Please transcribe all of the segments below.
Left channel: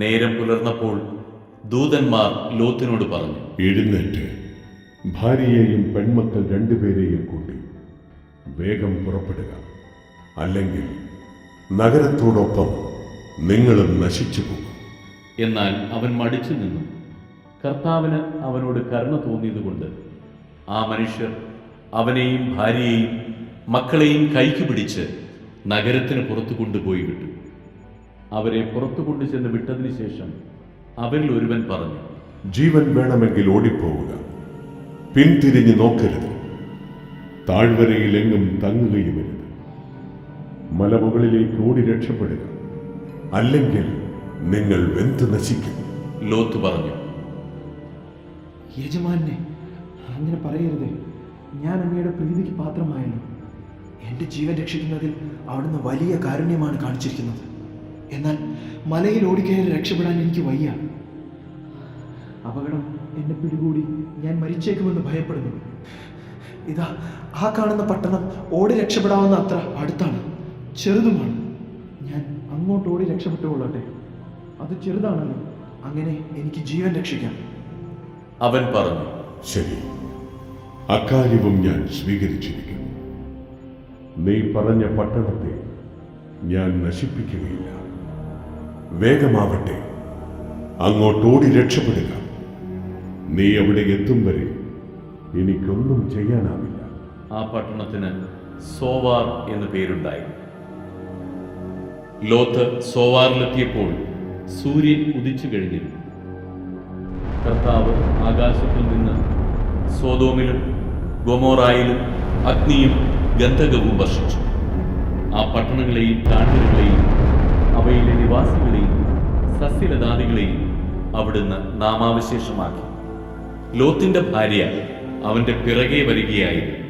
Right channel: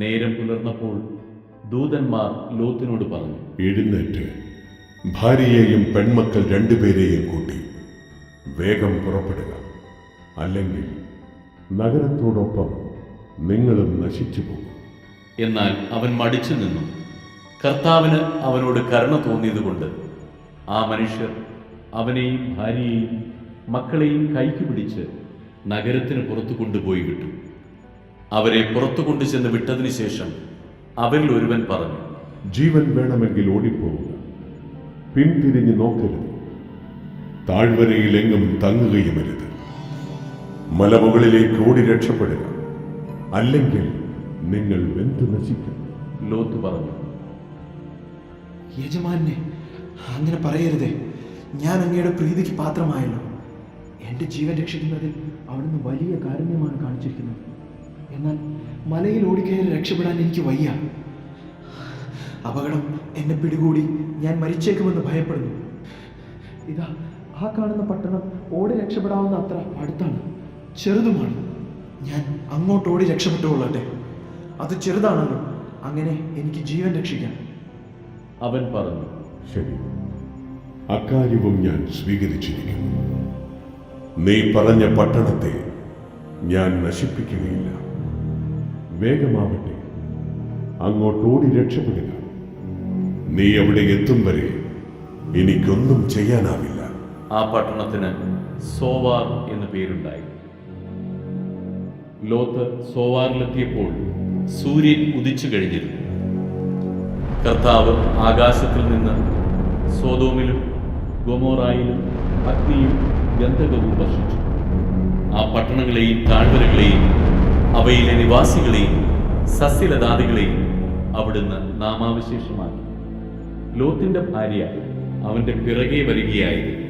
നേരം പുലർന്നപ്പോൾ ദൂതന്മാർ ലോത്തിനോട് പറഞ്ഞു, എഴുന്നേറ്റ് ഭാര്യയെയും പെൺമക്കൾ രണ്ടുപേരെയും കൂട്ടി വേഗം പുറപ്പെടുക, അല്ലെങ്കിൽ നഗരത്തോടൊപ്പം നിങ്ങളും നശിച്ചു പോകും. എന്നാൽ അവൻ മടിച്ചു നിന്നു. കർത്താവിന് അവനോട് കരുണ തോന്നിയതുകൊണ്ട് ആ മനുഷ്യർ അവനെയും ഭാര്യയെയും മക്കളെയും കൈക്ക് പിടിച്ച് നഗരത്തിന് പുറത്തു കൊണ്ടുപോയി വിട്ടു. അവരെ പുറത്തു കൊണ്ടുചെന്ന് വിട്ടതിന് ശേഷം അവരിൽ ഒരുവൻ പറഞ്ഞു, ജീവൻ വേണമെങ്കിൽ ഓടിപ്പോവുക, പിന്തിരിഞ്ഞു നോക്കരുത്, താഴ്വരയിലെങ്ങും തങ്ങുകയുമരുത്. മലമുകളിലേക്ക് ഓടി രക്ഷപ്പെടുക, അല്ലെങ്കിൽ നിങ്ങൾ വെന്തു നശിക്കും. ലോത്ത് പറഞ്ഞു, യജമാനെ, അങ്ങനെ പറയരുതേ. ഞാൻ അങ്ങയുടെ പ്രീതിക്ക് പാത്രമായല്ലോ. എൻ്റെ ജീവൻ രക്ഷിക്കുന്നതിൽ അവിടുന്ന് വലിയ കാരുണ്യമാണ് കാണിച്ചിരിക്കുന്നത്. എന്നാൽ മലയിൽ ഓടിക്കയറി രക്ഷപ്പെടാൻ എനിക്ക് വയ്യ. അപകടം എന്നെ പിടികൂടി ഞാൻ മരിച്ചേക്കുമെന്ന് ഭയപ്പെടുന്നു. ഇതാ, ആ കാണുന്ന പട്ടണം ഓടി രക്ഷപ്പെടാവുന്ന അത്ര അടുത്താണ്, ചെറുതുമാണ്. ഞാൻ അങ്ങോട്ട് ഓടി രക്ഷപ്പെട്ടുകൊള്ളട്ടെ. അത് ചെറുതാണല്ലോ, അങ്ങനെ എനിക്ക് ജീവൻ രക്ഷിക്കാം. അവൻ പറഞ്ഞു, ശരി, അക്കാര്യവും ഞാൻ സ്വീകരിച്ചിരിക്കുന്നു. നീ പറഞ്ഞ പട്ടണത്തെ ഞാൻ നശിപ്പിക്കുകയില്ല. വേഗമാവട്ടെ, അങ്ങോട്ടോടി രക്ഷപ്പെടുക. നീ അവിടെ എത്തും വരെ എനിക്കൊന്നും ചെയ്യാനാവില്ല. ആ പട്ടണത്തിന് സോവാർ എന്ന് പേരുണ്ടായി. ലോത്ത് സോവാറിലെത്തിയപ്പോൾ സൂര്യൻ ഉദിച്ചു കഴിഞ്ഞിരുന്നു. കർത്താവ് ആകാശത്തിൽ നിന്ന് സോദോമിലും ഗൊമോറായിലും അഗ്നിയും ഗന്ധകവും വർഷിച്ചു. ആ പട്ടണങ്ങളെയും താഴ്വരകളെയും അവയിലെ നിവാസികളെയും സസ്യലതാദികളെയും അവിടുന്ന് നാമാവിശേഷമാക്കി. ലോത്തിന്റെ ഭാര്യ അവന്റെ പിറകെ വരികയായിരുന്നു.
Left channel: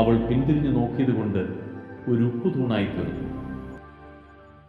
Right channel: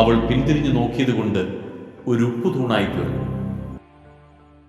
അവൾ പിന്തിരിഞ്ഞു നോക്കിയതുകൊണ്ട് ഒരു ഉപ്പുതൂണായി തീർന്നു.